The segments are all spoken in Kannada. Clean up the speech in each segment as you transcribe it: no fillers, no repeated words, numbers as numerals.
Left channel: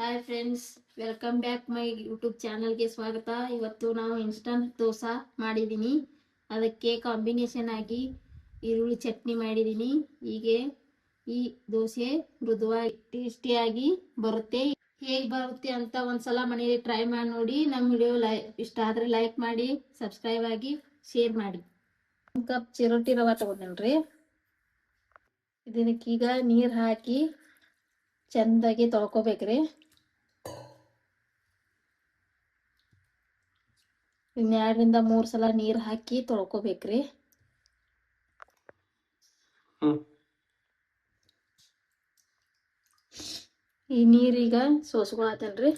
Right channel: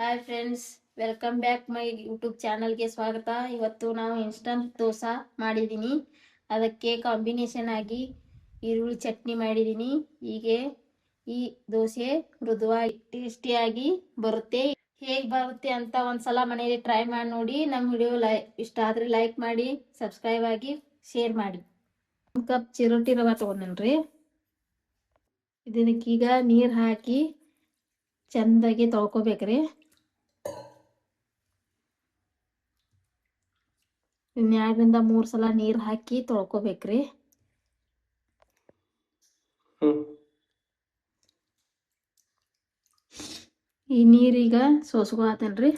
Hi friends, welcome back my YouTube ಚಾನಲ್ಗೆ ಸ್ವಾಗತ. ಇವತ್ತು ನಾವು ಇನ್ಸ್ಟಂಟ್ ದೋಸೆ ಮಾಡಿದ್ದೀನಿ. ಅದಕ್ಕೆ ಕಾಂಬಿನೇಷನ್ ಆಗಿ ಈರುಳ್ಳಿ ಚಟ್ನಿ ಮಾಡಿದ್ದೀನಿ. ಹೀಗೆ ಈ ದೋಸೆ ಮೃದುವಾಗಿ ಟೇಸ್ಟಿಯಾಗಿ ಬರುತ್ತೆ. ಹೇಗೆ ಬರುತ್ತೆ ಅಂತ ಒಂದ್ಸಲ ಮನೆಯಲ್ಲಿ ಟ್ರೈ ಮಾಡಿ ನೋಡಿ. ನಮ್ಮ ವಿಡಿಯೋ ಇಷ್ಟ ಆದರೆ ಲೈಕ್ ಮಾಡಿ, ಸಬ್ಸ್ಕ್ರೈಬ್ ಆಗಿ, ಶೇರ್ ಮಾಡಿ. 1 ಕಪ್ ಚಿರೋಟಿ ರವೆ ತಗೊಂಡ್ರಿ. ಇದಕ್ಕೀಗ ನೀರು ಹಾಕಿ ಚೆಂದಾಗಿ ತೊಳ್ಕೊಬೇಕ್ರಿ. 2 ರಿಂದ 3 ಸಲ ನೀರು ಹಾಕಿ ತೊಳ್ಕೊಬೇಕ್ರಿ. ಈ ನೀರೀಗ ಸೋಸ್ಕೊಳತ್ತೇನ್ರಿ.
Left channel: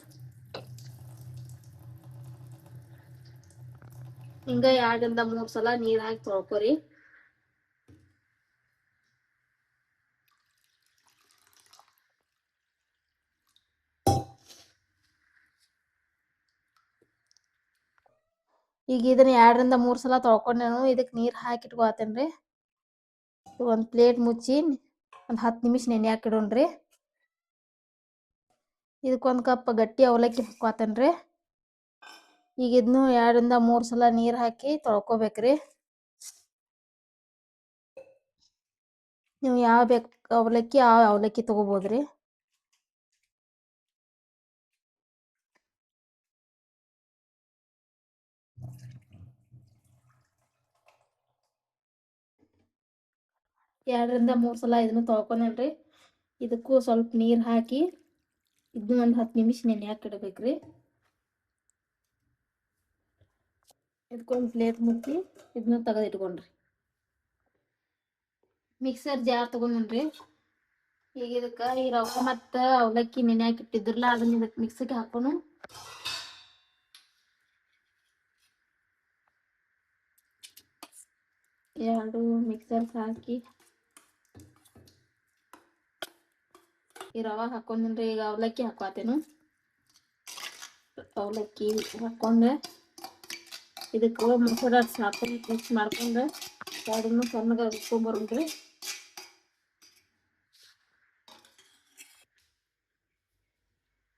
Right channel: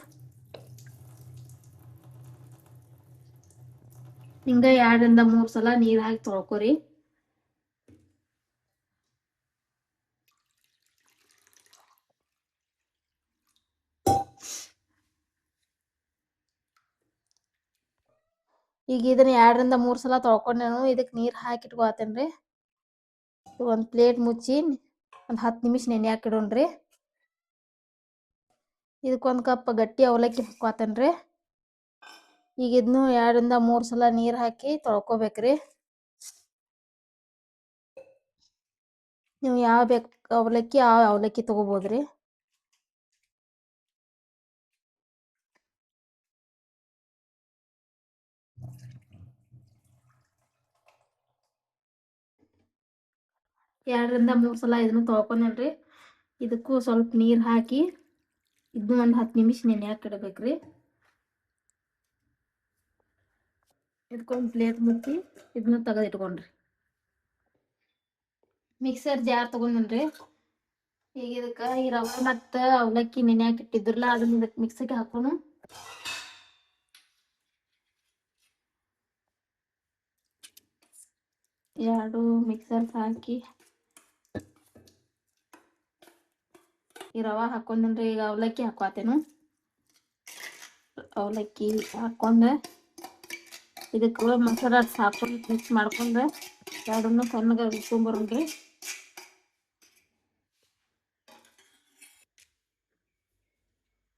ಹಿಂಗ 2 ರಿಂದ 3 ಸಲ ನೀರು ಹಾಕಿ ತೊಳ್ಕೊರಿ. ಈಗ ಇದನ್ನ 2 ರಿಂದ 3 ಸಲ ತೊಳ್ಕೊಂಡೇನು. ಇದಕ್ಕೆ ನೀರು ಹಾಕಿ ಇಟ್ಕೊಳತ್ತೇನ್ರಿ. ಒಂದು ಪ್ಲೇಟ್ ಮುಚ್ಚಿ ಒಂದು 10 ನಿಮಿಷ ನೆನೆ ಹಾಕಿಡೋಣ್ರಿ. ಇದಕ್ಕೊಂದು ಕಪ್ ಗಟ್ಟಿ ಅವಲಕ್ಕಿ ಹಾಕ್ಕೊತೇನ್ರಿ. ಈಗ ಇದನ್ನು 2 ರಿಂದ 3 ಸಲ ನೀರು ಹಾಕಿ ತೊಳ್ಕೊಬೇಕ್ರಿ. ನೀವು ಯಾವ ಬೇಕು ಅವಲಕ್ಕಿ ಆ ಅವಲಕ್ಕಿ ತಗೋಬೋದ್ರಿ. ಎರಡರಿಂದ 3 ಸಲ ಇದನ್ನು ತೊಳ್ಕೊಂಡ್ರಿ. ಇದಕ್ಕೂ ಸ್ವಲ್ಪ ನೀರು ಹಾಕಿ ಇದನ್ನು ಒಂದು 10 ನಿಮಿಷ ನೆನೆ ಹಾಕಿಡ್ಬೇಕ್ರಿ. ಇದಕ್ಕೊಂದು ಪ್ಲೇಟ್ ಮುಚ್ಚಿ ಇದನ್ನ ತೆಗೆದಿಟ್ಕೊಂಡ್ರಿ. ಮಿಕ್ಸರ್ ಜಾರ್ ತಗೊಂಡ್ರಿ. ಈಗ ಇದಕ್ಕೆ ಈ ರವೆ ಮತ್ತು ಅವಲಕ್ಕಿ ನೆನೆ ಹಾಕಿಟ್ಟಿದ್ರಲ್ಲ ಅದನ್ನ ಇದಕ್ಕೆ ಮಿಕ್ಸಿಗೆ ಹಾಕೋಣ. ಎರಡು ಮಿಕ್ಸರ್ ಹಾಕಿ ಈ ರವೆ ಹಾಕೊಂಡ್ರಿ. ಈಗ ಅವಲಕ್ಕಿ ಹಾಕೋತೇನು. ಅವಲಕ್ಕಿ ಹಾಕೊಂಡ್ರೆ ಇದಕ್ಕೆ ಮಸಾಲ ಹಾಕೊಂಡು ಮಿಕ್ಸ್ ಮಾಡ್ಕೊಂಡ್ರೆ ಎರಡನ್ನೂ ಸಣ್ಣಗೆ ರುಬ್ಕೊಂಡ್ಬರೋಣ್ರಿ.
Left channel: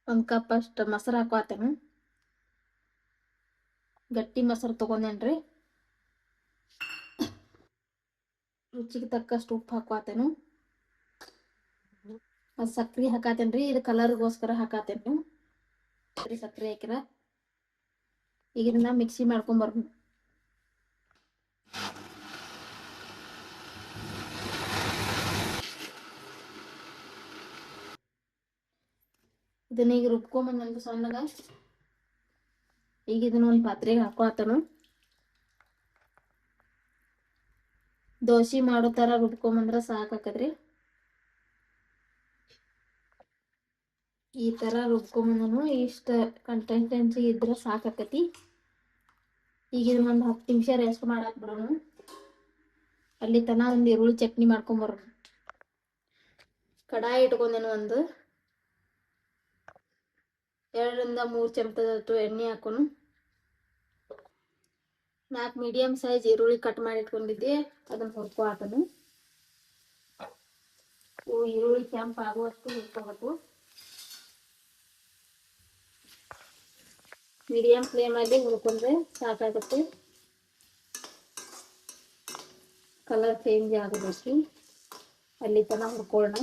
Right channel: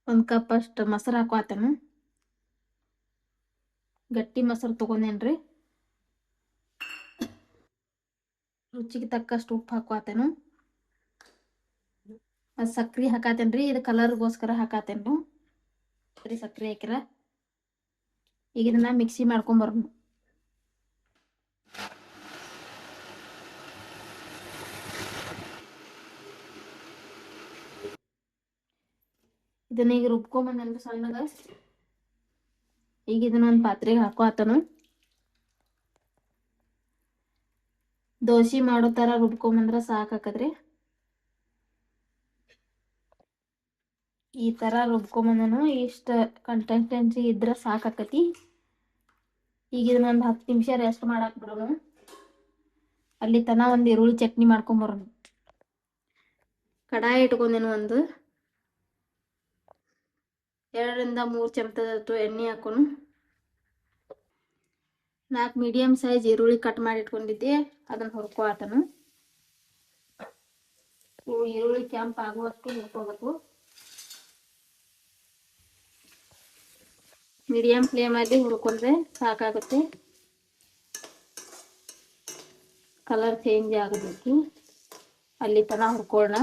ಒಂದು ಕಪ್ ಅಷ್ಟು ಮೊಸರು ಹಾಕೋತೇನು. ಗಟ್ಟಿ ಮೊಸರು ತಗೊಂಡೇನ್ರಿ. ರುಚಿಗೆ ತಕ್ಕಷ್ಟು ಉಪ್ಪು ಹಾಕೋತೇನು. ಸಕ್ರೆ ಹಾಕಾತೇನ್ರಿ. ಇದು ಕಲರ್ಗೋಸ್ಕರ ಹಾಕಾತೇನು. ಸಕ್ರೆ ಹಾಕಿರ ಈಗ ಇದನ್ನ ಮಿಕ್ಸಿ ಮಾಡ್ಕೊಂಬರೋಣ. ಇದನ್ನ ಈಗ ರುಬ್ಕೊಂಬಂದ್ರಿ ಸಣ್ಣಗ. ಈಗ ಇದನ್ನ ಒಂದು ಪಾತ್ರೆಗೆ ಹಾಕೋತನು. ದೋಸೆ ಮಾಡೋ ತರ ರುಬ್ಕೊಂಬಂದ್ರೆ ಸಾಕಾಕದ್ರಿ. ಈ ತರ ರುಬ್ಕೊಂಬಂದನು ಇಷ್ಟ ಕನ್ಸಿಸ್ಟೆನ್ಸಿ ಇದ್ರೆ ಸಾಕಾಕತಿ. ಈಗ ಇದನ್ನ ಒಂದು 10 ನಿಮಿಷ ರೆಸ್ಟ್ ಮಾಡಾಕ್ ಬಿಡೋಣ. ಅಲ್ಲಿ ತನ ಒಂದು ಈರುಳ್ಳಿ ಚಟ್ನಿ ಮಾಡ್ಕೊಂಬರೋಣ. ಕಡಾಯಿ ಇಟ್ಕೊಂಡೇನು. ಒಂದು 2 ರಿಂದ 3 ಚಮಚದಷ್ಟು ಎಣ್ಣೆ ಹಾಕೋನು. 4 ಮೀಡಿಯಂ ಸೈಜ್ ಈರುಳ್ಳಿ ಕಟ್ ಮಾಡಿ ಇಟ್ಕೊಂಡಿದ್ದೆ ಅದನ್ನ ಹುರ್ಕೊಳತನು. ಈರುಳ್ಳಿ ಕೆಂಪು ಆಗುವಷ್ಟು ಹುರ್ಕೋಬೇಕು. ಮೀಡಿಯಂ ಫ್ಲೇಮಲ್ಲಿ ಹುರ್ಕೊಂಡ್ರೆ ಸಾಕಾಗುತ್ತೆ. ಕಲರ್ ಚೇಂಜ್ ಆಗಬೇಕು ಅಲ್ಲಿ ತನ ಹುರ್ಕೊಳ್ಳೋಣ.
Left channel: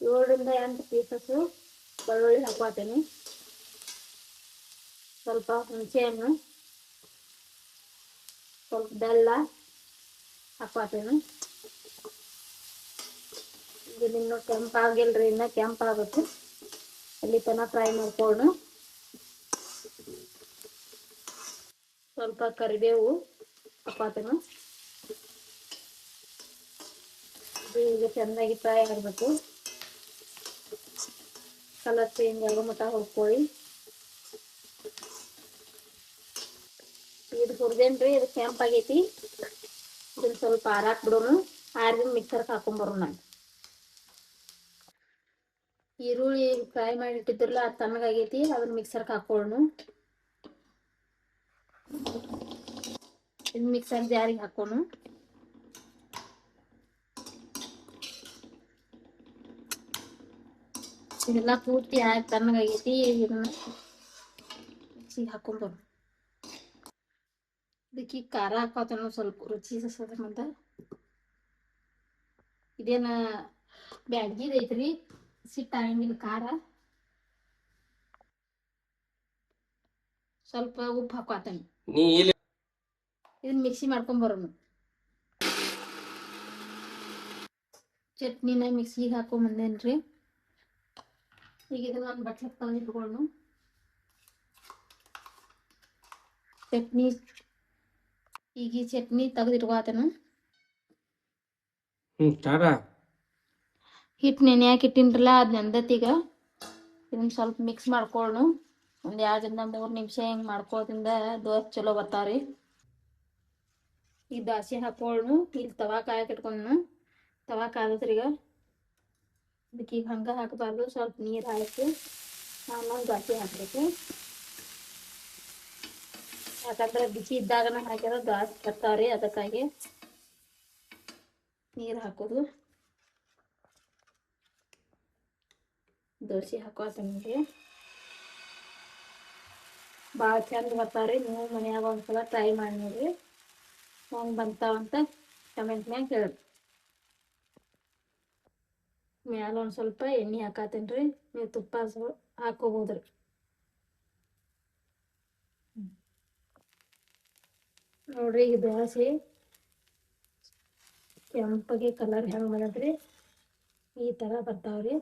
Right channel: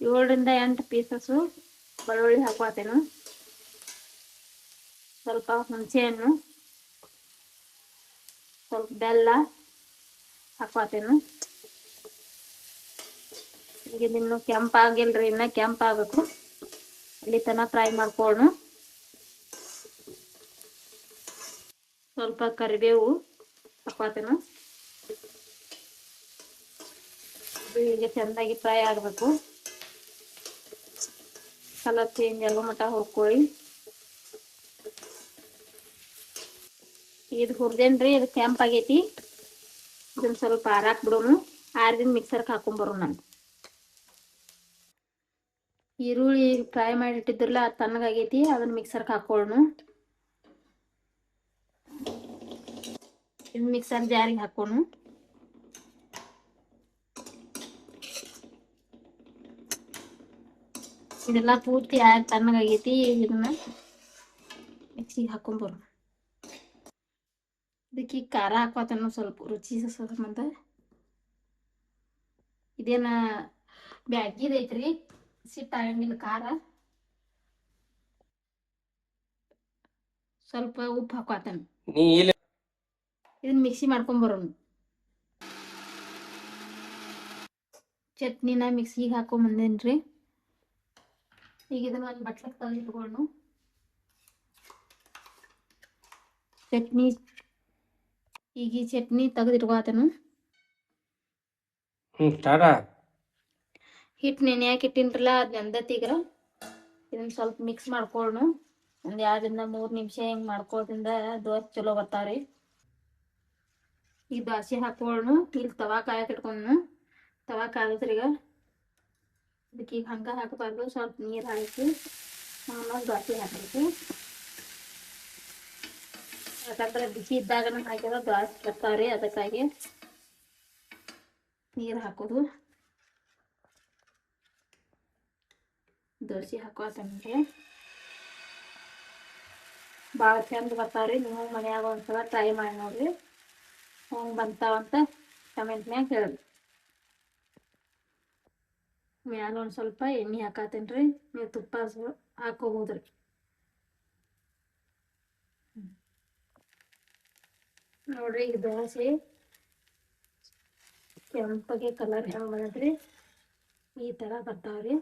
7 ರಿಂದ 8 ಪೀಸಸ್ಸು ಬೆಳ್ಳುಳ್ಳಿ ಹಾಕೋತೇನು. ಸ್ವಲ್ಪ ಹುಣಸೆಹಣ್ಣು, ಸ್ವಲ್ಪ ಬೆಲ್ಲ ಹಾಕೋತೇನು. ಈಗ ಇನ್ನು ಕೆಂಪಾಗಿಲ್ರಿ, ಇನ್ನ ಕೆಂಪಾಗಬೇಕು. ಅಲ್ಲಿ ತನ ಫ್ರೈ ಮಾಡ್ಕೊಳ್ಳೋಣ. ಸ್ವಲ್ಪ ಕರಿಬೇವು ಹಾಕೋತೇನು. ಈಗ ಚೆನ್ನಾಗಿ ಫ್ರೈ ಆಗಬೇಕು. ಕಲರ್ ಚೇಂಜ್ ಆಗೋ ಮಟ್ಟ ಹುರ್ಕೊಳ್ಳಿ. ಇದು ಹುರ್ದೇನ್ರಿ. ಇದು ಕೆಂಪಾಗೈತಿ. ಇದನ್ನ ಸ್ವಲ್ಪ ಆರಾಕ್ ಬಿಡೋಣ. ಆರಿದ ಮಿಕ್ಸರ್ಗೆ ಹಾಕೊಂಡ್ಬರೋಣ. ಈರುಳ್ಳಿ ಫ್ರೈ ಮಾಡಿಟ್ಟಿದ್ರಲ್ಲ ಅದು ತಣ್ಣಗಾಗೈತಿ. ಅದನ್ನ ಮಿಕ್ಸರ್ಗೆ ಹಾಕೊಳ್ಳೋಣ. ಇದು ಮಿಕ್ಸರ್ ಜಾರಿಗೆ ಹಾಕೋಣ. ಇದೆಲ್ಲ ಪೂರ್ತಿ ತಣ್ಣಗಾಗೈತಿ. ಇದನ್ನ ಮಿಕ್ಸಿಗೆ ಹಾಕೊಂಡ್ಬರು. ಇದಕ್ಕೆ ಖಾರ ಹಾಕೋತಾನು ಸ್ವಲ್ಪ ರುಚಿ ಸಂಬಂಧ. ಇದೇನ ಬ್ಯಾಗಿದೈತ್ರಿ, ಸಿಟ್ಟಾಗಂಗಿಲ್ಲ ಖಾರ. ಸ್ವಲ್ಪ ಉಪ್ಪು ಹಾಕೋತಾನ. ಇದನ್ನ ಮಿಕ್ಸಿ ಮಾಡ್ಕೊಂಬರೋನು. ಚಟ್ನಿನ ಮಿಕ್ಸಿಗೆ ಹಾಕೊಂಬಂದೇನ್ರಿ. ಈಗ ಇದನ್ನ ಒಂದು ಬಟ್ಲಕ್ಕೆ ತೆಗೆದಿಟ್ಕೊಂಡು ಚಟ್ನಿ, ಈಗ ಈ ಚಟ್ನಿ ತೆಗೆದಿಟ್ಕೋತಾನು. ಹಿಟ್ಟು ನೆನೆಯಾಕೆ ಇಟ್ಟಿನ್ರಲ್ಲ, ಅದು ನೆಂದತ್ತೀಗ. ಇದನ್ನ ಸ್ವಲ್ಪ ಮಿಕ್ಸ್ ಮಾಡ್ಕೊಳ್ಳು. ಒಂದು 2-3 ನಿಮಿಷ ಹಿಂಗೆ ಮಾಡ್ಕೊಳ್ಳೋದ್ರಿಂದ ದೋಸೆ ಚಲೋ ಬರ್ತಾವ್ರಿ. ಈಗ ದೋಸೆ ಹಾಕೊಳ್ಳು. ಇಲ್ಲಿ ತವಾ ಕಾಯಕ್ಕೆ ಇಟ್ಕೊಂಡು, ತವಾ ಕಾಲತ್ರಿ. ಈಗ ಅದಕ್ಕೆ ಈಗ ಹಂಗೆ ಹಾಕಬಾರ್ದು, ಸ್ವಲ್ಪ ನೀರು ಹಾಕಿ ಆಮೇಲೆ ದೋಸೆ ಹಾಕಬೇಕು. ಯಾಕಂದ್ರೆ ಬಿಸಿ ಇದ್ದಾಗನ ಹಾಕಿದ್ರೆ ದೋಸೆ ಬರ್ತಾವ್ರಿ. ಅದಕ್ಕಾಗಿ ನೀರು ಹಾಕೋದು. ದೋಸೆ ಹಾಕೋತಂದ್ರೆ ಭಾಳ ಚಂದ ಬರ್ತಾವ್ರಿ. ನೀವು ಮನ್ಯಾಗ ಒಂದ್ಸಲ ಟ್ರೈ ಮಾಡಿ ನೋಡ್ರಿ. ಹೆಂಗೆ ಬಂತಾವಂತ ಕಮೆಂಟ್ನ್ಯಾಗ ಹೇಳಿ. ಮ್ಯಾಲ ಒಂದು ಸ್ವಲ್ಪ ಎಣ್ಣೆ ಹಾಕತ್ತೇನ್ರಿ. ನೀವು ತುಪ್ಪ ಹಾಕೋಬೋದ್ರಿ. ನೋಡ್ರಿ, ಈಗ ದೋಸೆ ಕೆಂಪಗೆ ಕಲರ್ ಹೆಂಗೆ ಬಂದ್ರಿ, ಈ ಥರ ಬರ್ತಾವ್ರಿ.